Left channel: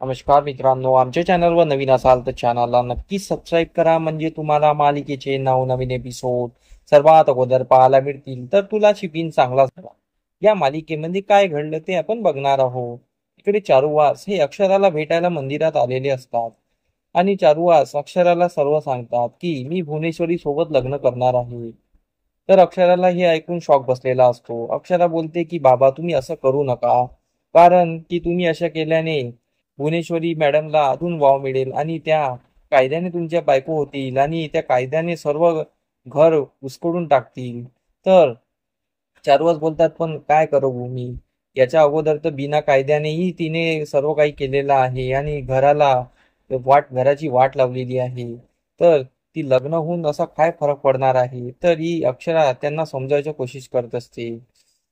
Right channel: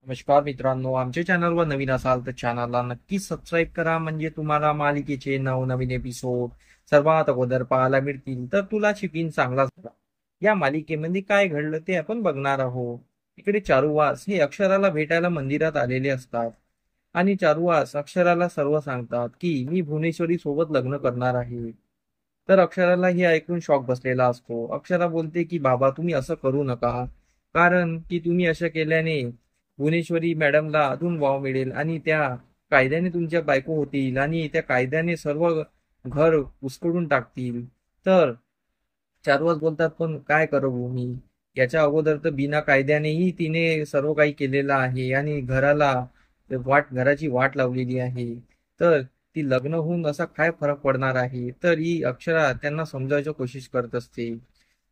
नमस्कार मित्रांनो, आमच्या चॅनलवर नवीन असाल तर चॅनलला नक्कीच सबस्क्राईब करा, म्हणजे तुम्हाला मालिकेचे नवनवीन एपिसोड सर्वात अगोदर पाहायला मिळतील. तर तुला शिकीन चांगला झाला या मालिकेमध्ये काय घडलं ते आपण बघणार आहोत. इकडे चारुवास हे अक्षराला भेटायला मंदिरात आलेले असतात आणि चारुवास अक्षराला सर्व सांगतात की मी भुवनेश्वरी सोबत लग्न करणार आहे. तर अक्षराला हे ऐकून शॉक बसलेला असतो. अक्षरा बोलते की बाबा तुम्ही असं करू नका, कारण की तुम्ही अशा केल्याने भुवनेश्वरी मॅडमला अजून वाव मिळेल आणि त्या कायद्याने तुमच्या बायको होतील आणि त्या कायद्याने सर्व घर उस्कळून टाकतील. तर चारुवास बोलतात पण काय करू मी, याच्या अगोदर तर बिना कायद्यानेही तिने सर्व काही केलेलं आहे आणि घराची वाट लावलेली आहे. तर ती लग्न होऊन असा काय फरक पडणार आहे. तर ही अक्षरा त्यांना समजावण्याची कोशिश करत असते.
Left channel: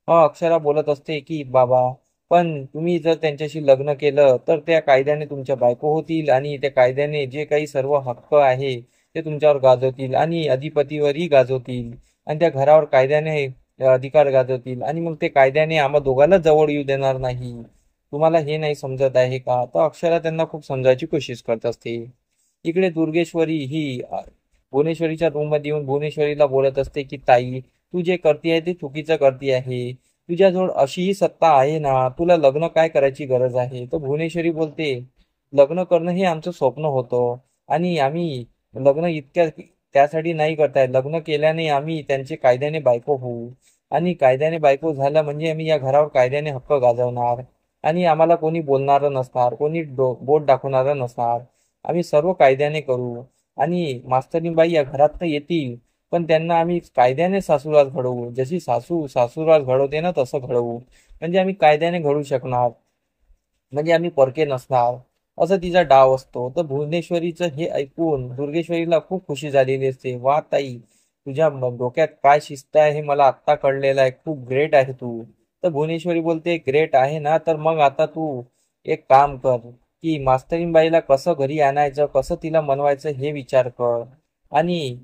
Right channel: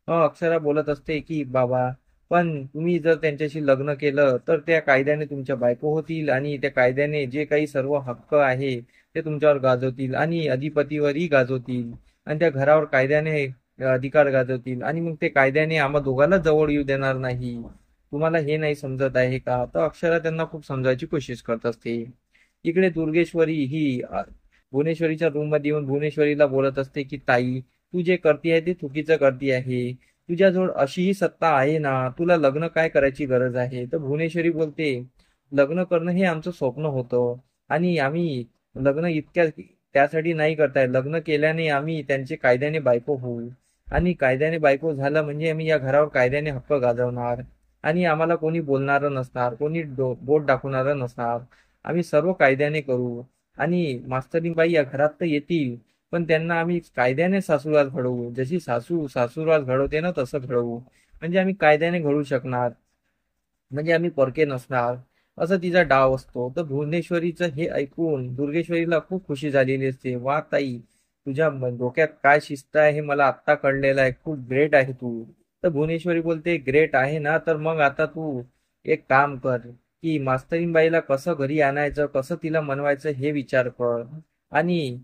अक्षरा बोलत असते की बाबा, पण तुम्ही जर त्यांच्याशी लग्न केलं तर त्या कायद्याने तुमच्या बायको होतील आणि त्या कायद्याने जे काही सर्व हक्क आहे ते तुमच्यावर गाजवतील आणि अधिपतीवरही गाजवतील आणि त्या घरावर कायद्याने अधिकार गाजवतील आणि मग ते कायद्याने आम्हा दोघांना जवळ येऊ देणार नाही. तुम्हाला हे नाही समजत आहे का. तर अक्षरा त्यांना खूप समजायची कोशिश करत असते. इकडे दुर्गेश्वरी ही भुवनेश्वरीच्या रूम मध्ये येऊन भुवनेश्वरीला बोलत असते की ताई, तू जे करती आहे ते चुकीचं करती आहे. तुझ्याजवळ अशीही सत्ता आहे ना, तुला लग्न काय करायची गरज आहे. तर भुवनेश्वरी बोलते, लग्न करणं हे आमचं स्वप्न होतं आणि आम्ही लग्न इतक्या त्यासाठी नाही करताय. लग्न केल्याने आम्ही त्यांचे कायद्याने बायको होऊ आणि कायद्याने बायको झालं म्हणजे आम्ही या घरावर कायद्याने हक्क गाजवणार आणि आम्हाला कोणी बोलणारं नसणार, कोणी बोट दाखवणारं नसणार. आम्ही सर्व कायद्याने करू आणि मास्तरीबाई या घरात तर येतील, पण त्यांना आम्ही कायद्याने सासूरवास घडवू. जशी सासू सासूरवास घडवते ना तसं घडवू, म्हणजे आम्ही कायद्याने घडवू शकणार, म्हणजे आम्ही परके नसणार. असं तिचा डाव असतो. तर भुवनेश्वरीचं हे ऐकून दुर्गेश्वरीला खूप खुशी झालेली असते. वा ताई, तुझ्या डोक्यात काय शिस्त आहे हे मला आत्ता कळलेलं आहे. खूप ग्रेट आहे तू. तर भुवनेश्वरी बोलते, ग्रेट आहे ना, तर मग आता तू एक काम कर की मास्तरीबाईला कसं घरी आणायचं, कसं तिला मनवायचं हे विचार कर. आणि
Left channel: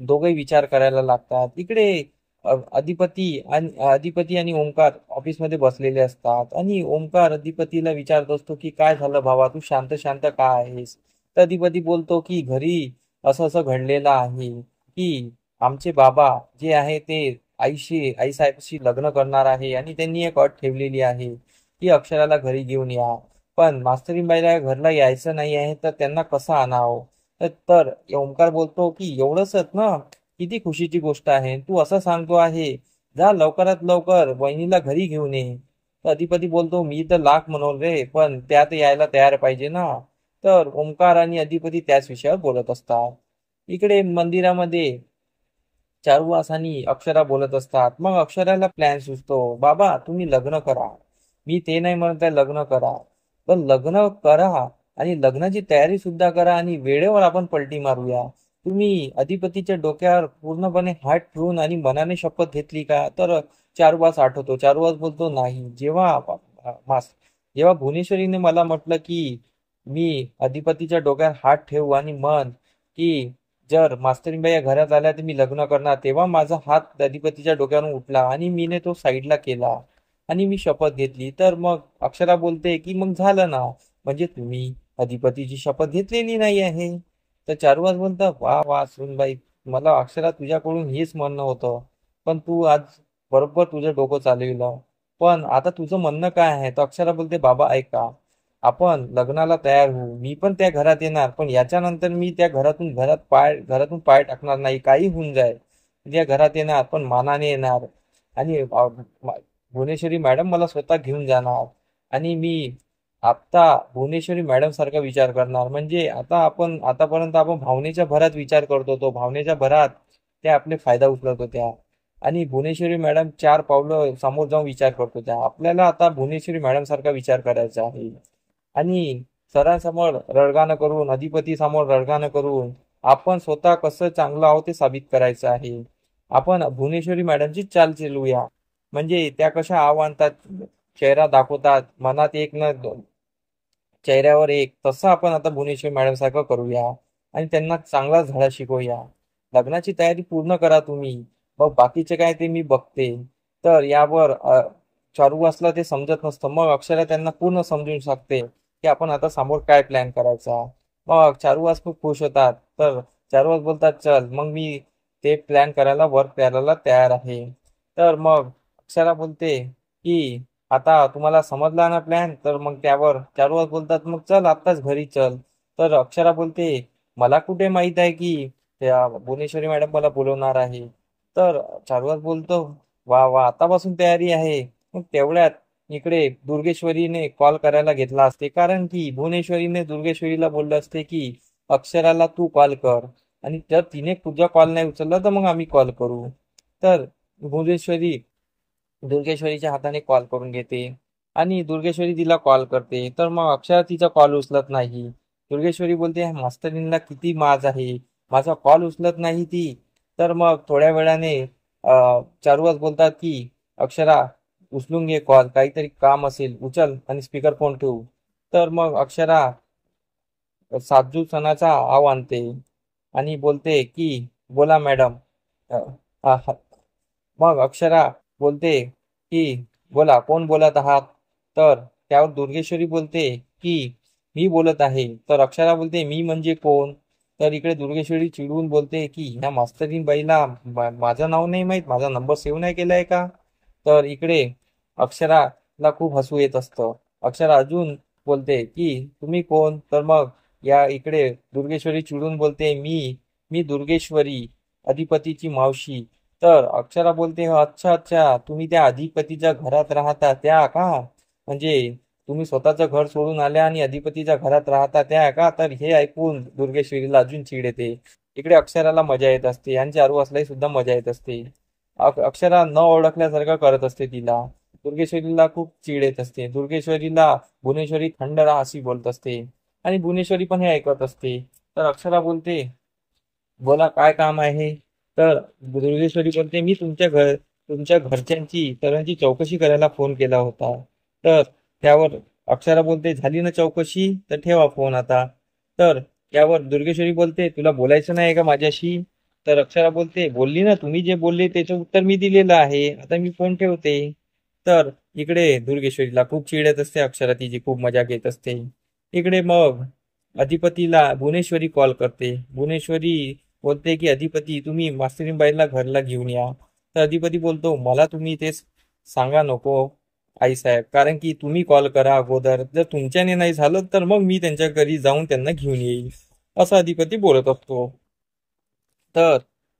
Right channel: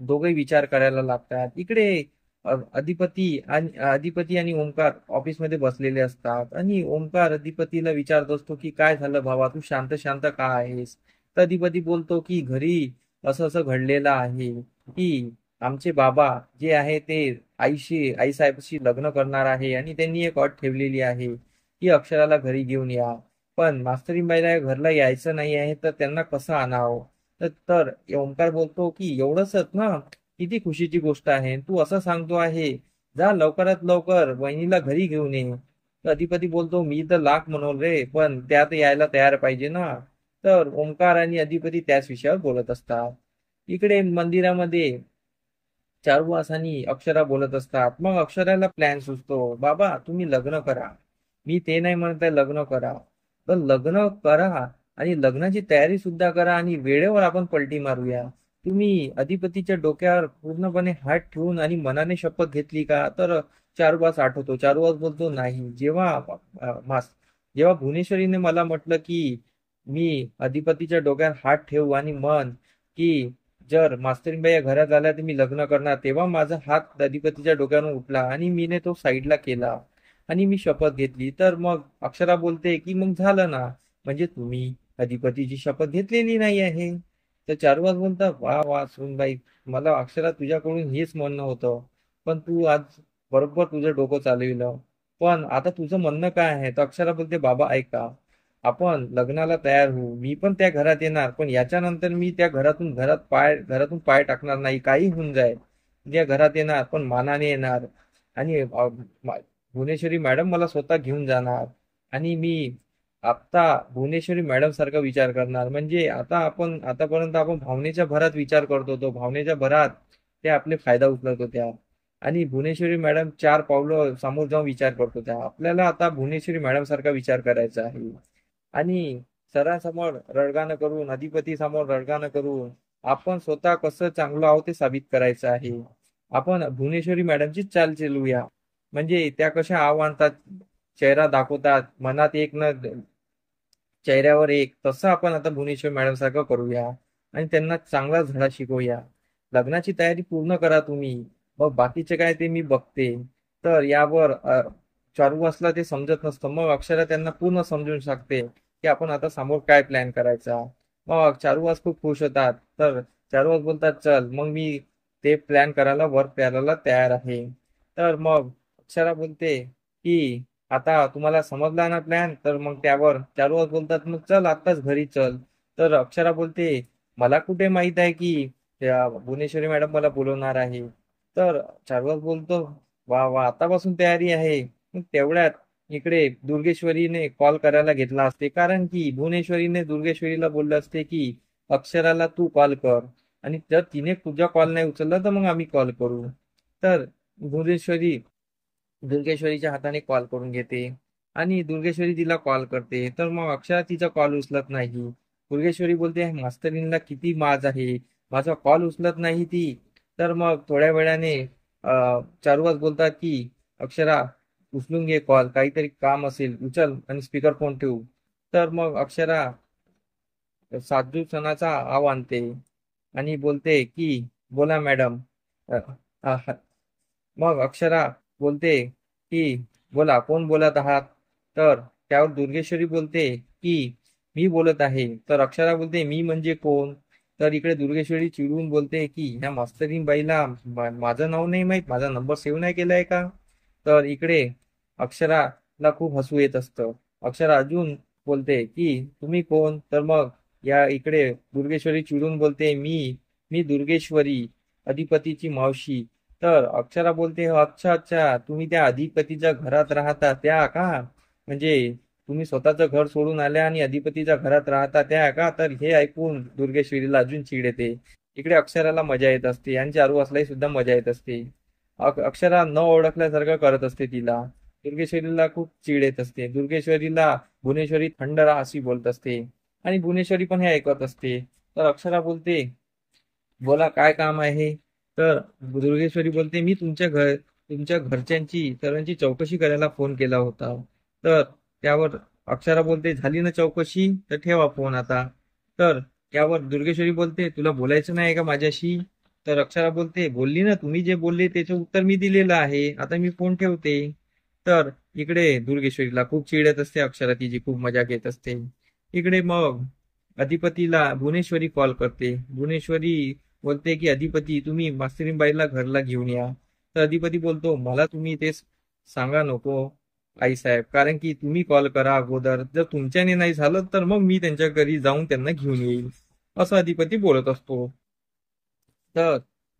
दोघे विचार करायला लागतात. इकडे अधिपती आणि ओंकार ऑफिसमध्ये बसलेले असतात आणि ओंकार अधिपतीला विचारत असतो की काय झालं भावा, तू शांत शांत का आहेस. तर अधिपती बोलतो की घरी असं असं घडलेलं आहे की आमचे बाबा जे आहे ते आईसाहेबशी लग्न करणार आहे आणि त्यांनी एक अट ठेवलेली आहे की अक्षराला घरी घेऊन या. पण मास्तरीबाईला घरला यायचं नाही आहे, तर त्यांना कसं आणावं. तर ओंकार बोलतो की एवढंच ना, किती खुशीची गोष्ट आहे. तू असं सांगतो आहे, जा लवकरात लवकर वहिनीला घरी घेऊन ये. तर अधिपती बोलतो, मी तर लाख म्हणून रे, पण त्यात यायला तयार पाहिजे ना. तर ओंकार आणि अधिपती त्याच विषयावर बोलत असतात. इकडे मंदिरामध्ये चारुवास आणि अक्षरा बोलत असतात. मग अक्षराला प्लॅन सुचतो, बाबा तुम्ही लग्न करा. मी ते नाही म्हणत आहे लग्न करा, तर लग्न करा आणि लग्नाची तयारी सुद्धा करा आणि वेळेवर आपण पलटी मारूया. तुम्ही अधिपतीच्या डोक्यावर पूर्णपणे हात ठेवून आणि मनाने शपथ घेतली का. तर चारुवास आठवतो. चारुवास बोलतो, नाही. जेव्हा भुवनेश्वरीने मला म्हटलं की मी अधिपतीच्या डोक्यावर हात ठेवू आणि मन की जर मास्तरीबाई या घरात आल्या तर मी लग्न करणार, तेव्हा माझा हात अधिपतीच्या डोक्यावरून उठला आणि मीने तो साईडला केला आणि मी शपथ घेतली. तर मग अक्षरा बोलते की मग झालं ना, म्हणजे तुम्ही अधिपतीची शपथ घेतलेली नाही आहे. तर चारुवास बोलतात, वा वा सुनबाई, मला अक्षरा तुझ्याकडून हेच म्हणणं होतं, पण तू आज बरोबर तुझं डोकं चालविलं. पण आता तुझं म्हणणं काय आहे. तर अक्षरा बोलते, बाबा ऐका, आपण लग्नाला तयार होऊ. मी पण त्या घरात येणार, पण याच्यानंतर मी त्या घरातून पाय टाकणार नाही. काही होऊन जाईल, त्या घरात येणार पण मानाने येणार आणि भुवनेश्वरी मॅडम मला स्वतः घेऊन जाणार आणि मी आता भुवनेश्वरी मॅडम सारखा विचार करणार. म्हणजे आतापर्यंत आपण भावनेच्या भरात विचार करत होतो, भावनेच्या भरात त्या आपले फायदा उचलत होत्या आणि भुवनेश्वरी मॅडम 4 पावलं समोर जाऊन विचार करत होत्या. आपल्याला आता भुवनेश्वरी मॅडम सारखा विचार करायचा आहे आणि सरांसमोर रडगाणं करून, अधिपती समोर रडगाणं करून आपण स्वतः कसं चांगलं आहोत ते साबित करायचं आहे. आपण भुवनेश्वरी मॅडमची चाल चालूया, म्हणजे त्या कशा आणतात, चेहरा दाखवतात, मनात एक न चेहऱ्यावर एक, तसं आपण आता भुवनेश्वरी मॅडम सारखं करूया आणि त्यांना चांगला धडा शिकवूया. लग्नाची तयारी पूर्ण करा तुम्ही, मग बाकीचे काय ते मी बघते. तर यावर चारुवासला ते समजत नसतं. मग अक्षरा त्यांना पूर्ण समजून सांगते की आपण आता समोर काय प्लॅन करायचा. मग चारुवास खूप खुश होतात. तर चारुवास बोलतात चल मग मी ते प्लॅन करायला वर्क करायला तयार आहे. तर मग अक्षरा बोलते की आता तुम्हाला समजला ना प्लॅन. तर मग त्यावर चारुवास बोलतात मग चल आत्ताच घरी चल. तर अक्षरा बोलते मला कुठे माहित आहे की त्या भुवनेश्वरी मॅडम मला बोलवणार आहे. तर चारुवास बोलतो वा वा आतापासून तयारी आहे. मग तेवढ्यात इकडे दुर्गेश्वरीने कॉल करायला घेतला असते, कारण की भुवनेश्वरीने दुर्गेश्वरीला बोललं असते की अक्षराला तू कॉल कर, आणि जर तिने तुझा कॉल नाही उचलला तर मग आम्ही कॉल करू. तर भुवनेश्वरी दुर्गेश्वरीच्या हाताने कॉल करून घेते आणि दुर्गेश्वरी तिला कॉल करते. तर मग अक्षरा तिचा कॉल उचलत नाही. दुर्गेश्वरी बोलते मास्तरींना किती माज आहे, माझा कॉल उचलत नाही ती. तर मग थोड्या वेळाने चारुवास बोलतात की अक्षरा उचलून घे कॉल, काहीतरी काम असेल उचल आणि स्पीकर फोन ठेवू. तर मग अक्षरा साजू सणाचा आव आणते आणि बोलते की बोला मॅडम. अ, आ, ह- मग अक्षरा बोलते की बोला कोण बोलत आहात. तर त्यावर दुर्गेश्वरी बोलते की मी बोलत आहे. तर अक्षरा बोलते मी म्हणजे कोण. तर इकडे दुर्गेश्वरी चिडून बोलते की ह्या मास्तरीन बाईला माझं नाव नाही माहित, माझा नंबर सेव्ह नाही केलाय का. तर इकडे अक्षराला खूप हसू येत असतं. अक्षरा अजून बोलते की तुम्ही कोण. तर मग या इकडे दुर्गेश्वरी चिडून बोलते मी दुर्गेश्वरी, अधिपतीची मावशी. तर अक्षरा बोलते अच्छा अच्छा तुम्ही त्या अधिपतीच्या घरात राहता त्या का, म्हणजे तुम्ही स्वतःचं घर सोडून आल्या आणि अधिपतीच्या घरात राहता त्या का. तर हे ऐकून दुर्गेश्वरीला अजून चीड येते. इकडे अक्षराला मजा येत असते आणि चारुवासलाही सुद्धा मजा येत असते. अक्षरा न ओळखल्यासारखं करत असते तिला. दुर्गेश्वरीला खूप चीड येत असते. दुर्गेश्वरीला भुवनेश्वरी थंड राहा अशी बोलत असते आणि भुवनेश्वरी पण हे ऐकत असते. तर अक्षरा बोलते बोला काय काम आहे. तर दुर्गेश्वरी बोलते मी तुमच्या घरच्यांची सर्वांची चौकशी करायला फोन केला होता. तर त्यावर अक्षरा बोलते झाली ना चौकशी, तर ठेवा फोन आता. तर त्यावर दुर्गेश्वरी बोलते तुला बोलायचं नाही का माझ्याशी. तर अक्षरा बोलते बोलली ना, तुम्ही जे बोलले त्याचं उत्तर मी दिलेलं आहे, आता मी फोन ठेवते. तर इकडे दुर्गेश्वरीला खूप चिडत असते. अक्षरा तिची खूप मजा घेत असते. इकडे मग अधिपतीला भुवनेश्वरी कॉल करते. भुवनेश्वरी बोलते की अधिपती तुम्ही मास्तरीबाईला घरला घेऊन या. तर अधिपती बोलतो मला तुम्ही ते सांगा नको आईसाहेब, कारण की तुम्ही कॉल करा अगोदर, जर तुमच्याने नाही झालं तर मग मी त्यांच्या घरी जाऊन त्यांना घेऊन येईल, असं अधिपती बोलत असतो. तर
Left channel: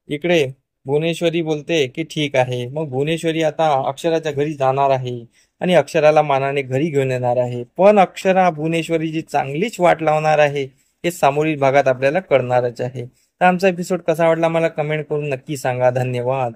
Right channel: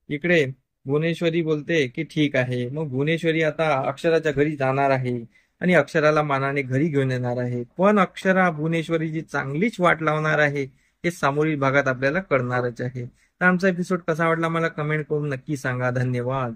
इकडे भुवनेश्वरी बोलते की ठीक आहे. मग भुवनेश्वरी आता अक्षराच्या घरी जाणार आहे आणि अक्षराला मानाने घरी घेऊन येणार आहे. पण अक्षरा भुवनेश्वरीची चांगलीच वाट लावणार आहे हे समोरील भागात आपल्याला कळणारच आहे. तर आमचा एपिसोड कसा वाटला मला कमेंट करून नक्की सांगा. धन्यवाद.